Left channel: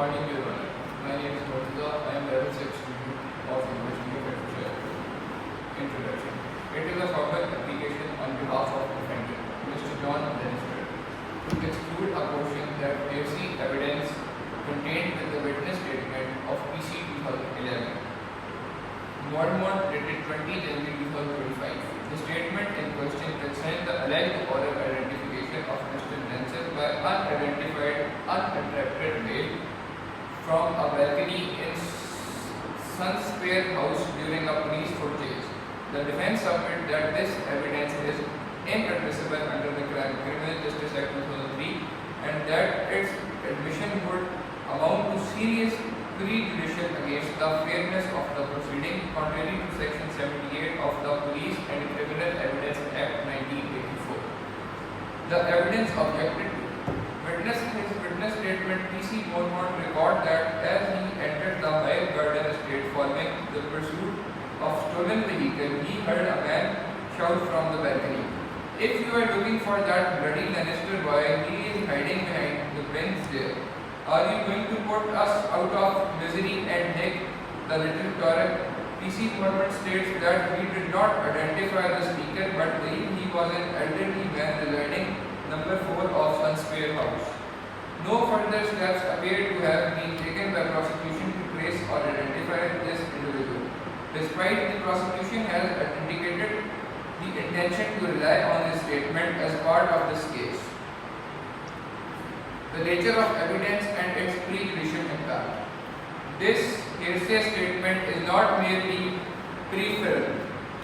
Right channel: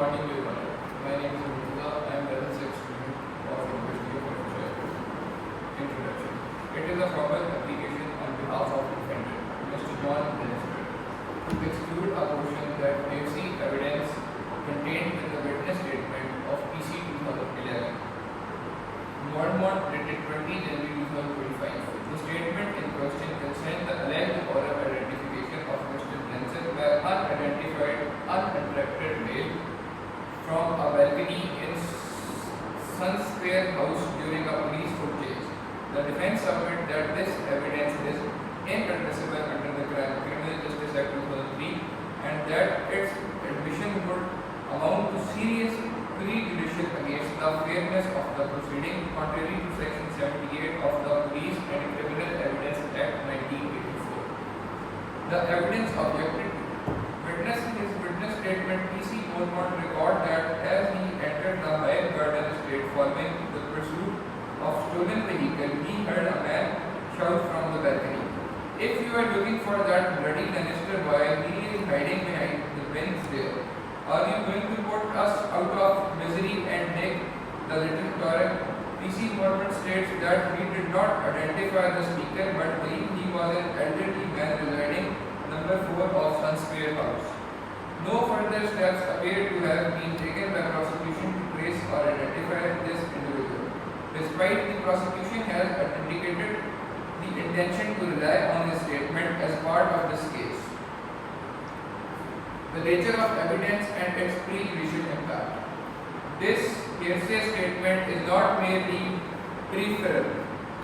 morning, Your Honor. My name is Murtaza. I am level 6 student of University of Advocacy. Introduction. It is a formal application on behalf of defendant, Mr. John Lannister, to exclude a portion that hearsay evidence contained in the witness statement of PC 2011. Mormont dated 20 January 2025. The statement in question concerns the alleged oral identification of Mr. Lannister by unidentified, uninterrupted male from a balcony in Sunsquare House during a police foot chase. The defense submitted that this evidence is inadmissible under the Criminal Justice Act 2003 and that its admission would amount to serious prejudicial against the fairness of the proceeding, contrary to Section 78 of the Police and Criminal Evidence Act 1984. The evidence objected to. Witness in his witness statement, PC Mormont record that as he entered the Hyatt Garden estate following the pursuit of stolen vehicle, he heard a man shout from the balcony, "If you are looking for that bloody Lannister boy, he is hiding behind the bins there. Are you going to put us out of misery and make the little Torek?" PC Mormont states that he did not identify the speaker but believed he was an elderly man residing number 4 of Sunsquare House. No further steps appear to have been taken by prosecution to trace or identify this individual, despite the prosecution has indicated the intention to rely on his statement as part of this case. The nature of evidence and its prejudicial impact. This hearsay statement is not merely peripheral.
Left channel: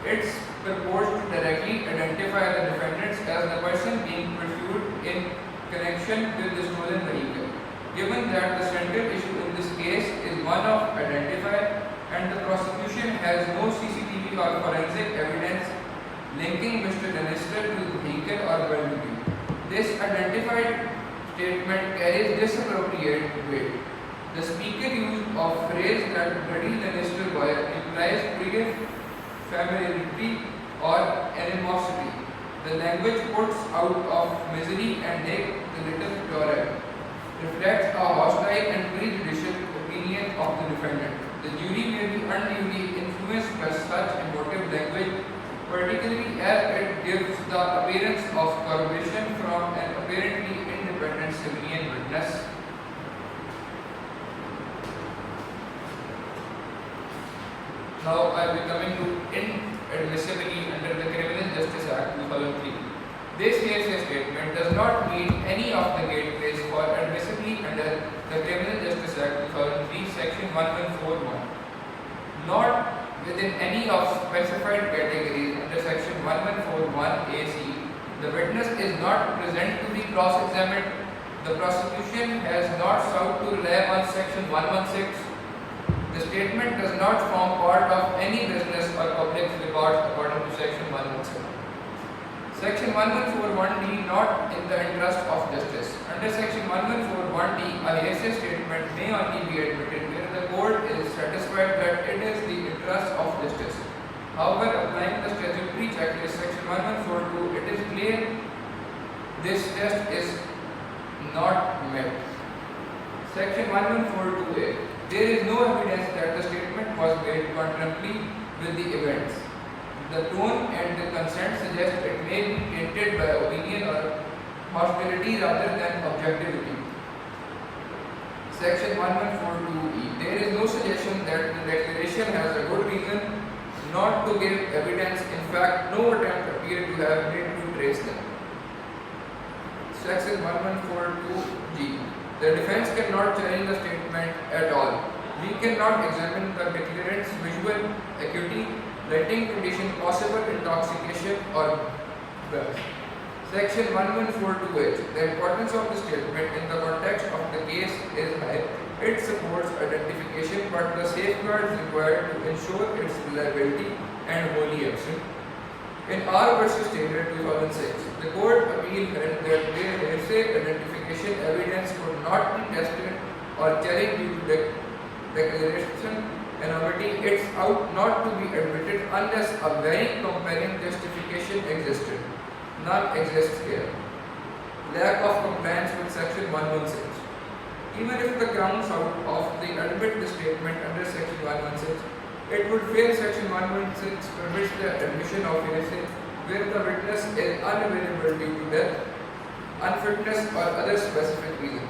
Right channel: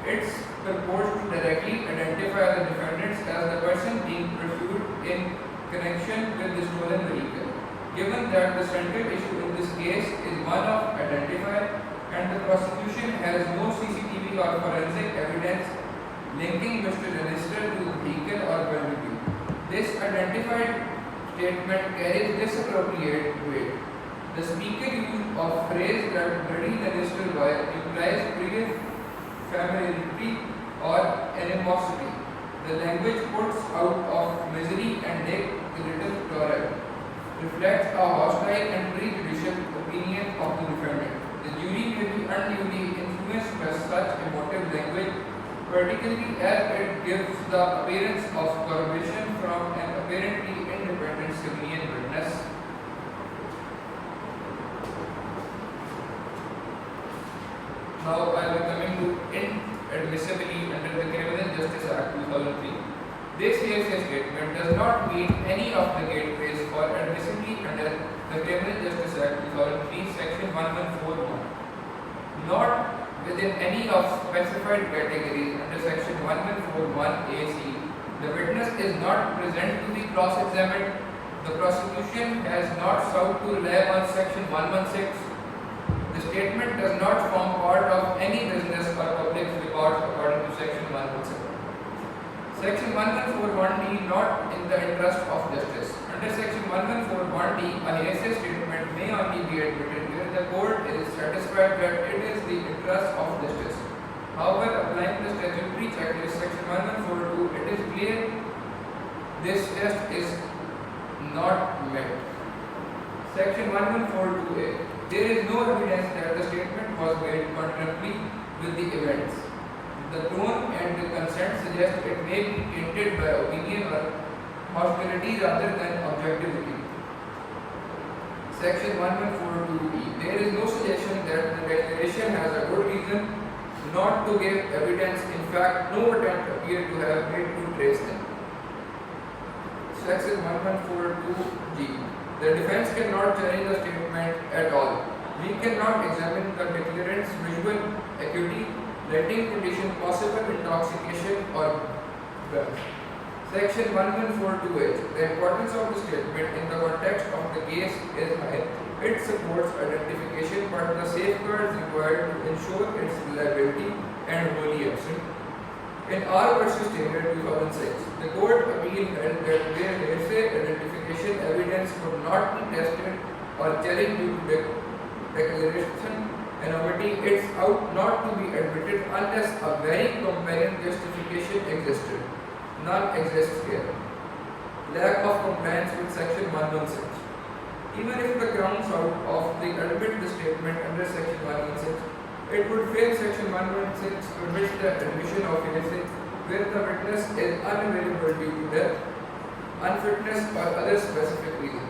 It's purports to directly identify the defendants as the person being pursued in connection with the stolen vehicle. Given that the central issue in this case is one of identifier and the prosecution has no CCTV or forensic evidence linking Mr. Lannister to the vehicle or vulnerability, this identified statement carries disappropriate weight. The speaker used of phrase that bloody Lannister boy implies previous familiarity or animosity. The language puts out of misery and make the little Torek reflects a hostile and prejudicial opinion of the defendant. The jury may be unduly influenced by such emotive language, particularly as it gives the appearance of corroboration from an apparently independent civilian witness. Now I will be coming to inadmissibility under the Criminal Justice Act 2003. This hearsay statement does not meet any of the gateways for admissibility under the Criminal Justice Act 2003, Section 1141. Not within any of specified categories under Section 1141 AC. The witness is not present to be cross-examined. The prosecution has not sought to rely on Section 116. The statement does not form part of any business or public records according to Section 117. Section 1141D, not in the interest of justice. Under Section 1141D, a hearsay statement may only be admitted where the court is satisfied that it is the interest of justice. However, applying the statutory checklist Section 1142, it is clear this test is not met. Section 1142A. There is no evidence that the statement was made concurrently with the events. The tone and the consent suggest it may be tainted by opinion or hostility rather than objectivity. Section 1142E. There is no suggestion that the declaration has a good reason not to give evidence. In fact, no attempt appeared to have made to trace them. Section 1142G. The defense cannot challenge the statement at all. We cannot examine the declarant's visual acuity, lighting condition, possible intoxication or birth. Section 1142H. The importance of the statement in the context of the case is high. It supports identification, but the safeguards required to ensure its reliability and wholly absent. In R versus Taylor 2006, the court appeal held that where hearsay identification evidence could not be tested or challenged due to declaration anonymity, it's out not to be admitted unless a very compelling justification existed. None exists here. Lack of compliance with Section 116. Even if the grounds of the admit the statement under section 116, it would fail section 116 permits the admission of hearsay where the witness is unavailable due to death, unfitness or other specific reason.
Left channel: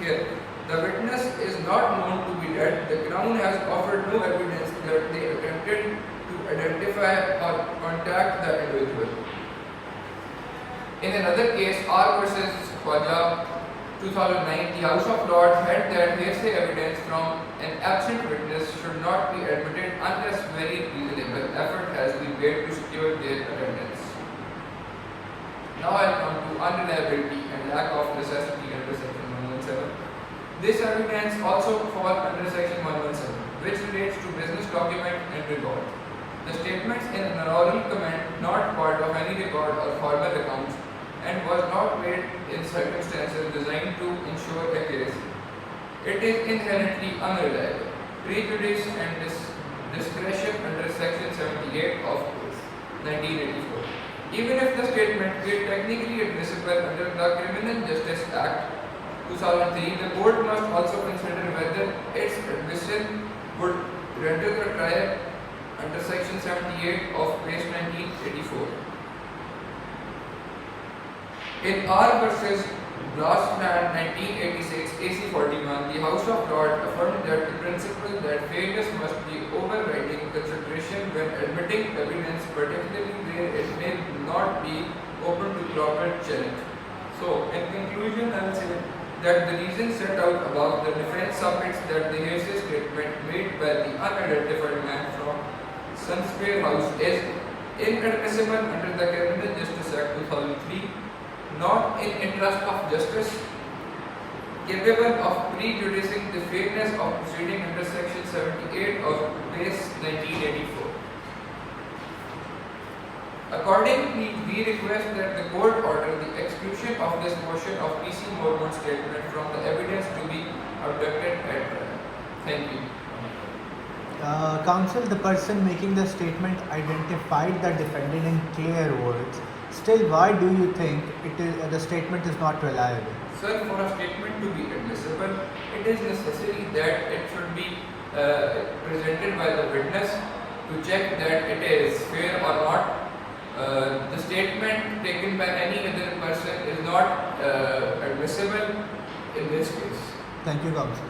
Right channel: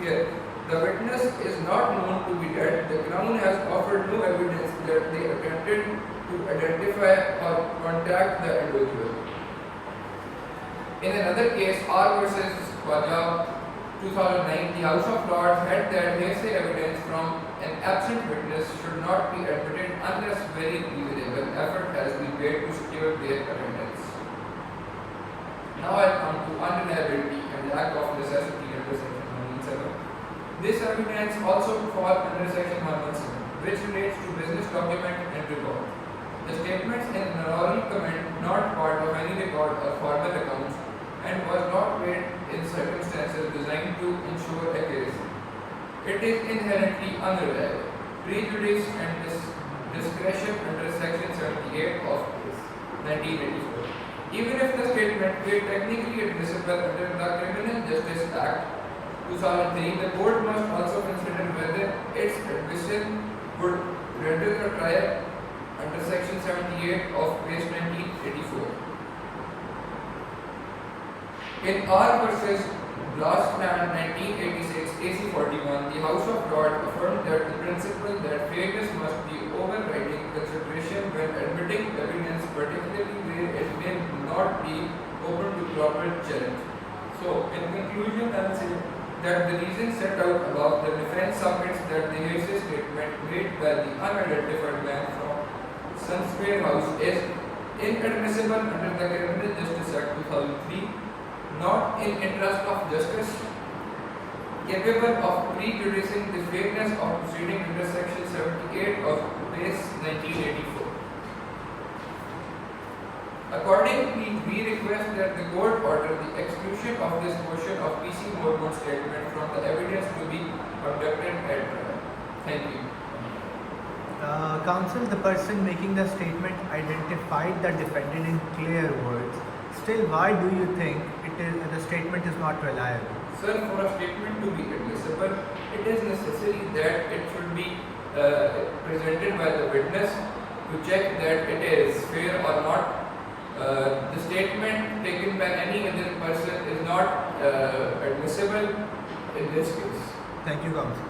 Here, the witness is not known to be dead. The Crown has offered no evidence that they attempted to identify or contact the individual. In another case, R versus Khwaja 2009, the House of Lords held that hearsay evidence from an absent witness should not be admitted unless very reasonable effort has been made to secure their attendance. Now I'll come to unreliability and lack of necessity under section 117. This evidence also falls under section 117, which relates to business document and record. The statements in an oral comment not part of any record or formal accounts and was not made in circumstances designed to ensure accuracy. It is inherently unreliable. Prejudice and discretion under section 78 of 1984. Even if the statement were technically admissible under the Criminal Justice Act 2003, the court must also consider whether its admission would render the trial under section 78 of case 1984. In R versus Glassman 1986 AC 41, the House of Lords affirmed that the principle that fairness must be overriding consideration when admitting evidence, particularly where it may not be open to proper challenge. So, in conclusion, I will say that the reason set out above, the defense submits that the hearsay statement made by the unidentified man from Sunsquare House is inadmissible under the Criminal Justice Act 2003, not in interest of justice, capable of prejudicing the fairness of proceeding under section 78 of case 1984. Accordingly, we request that the court order the exclusion of this portion of PC Mormon's statement from the evidence to be abducted at trial. Thank you. Counsel, the person making the statement identified the defendant in clear words. Still, why do you think the statement is not reliable? Sir, for a statement to be admissible, it is necessary that it should be presented by the witness to check that it is fair or not. The statement taken by any other person is not admissible in this case. Thank you, Counsel.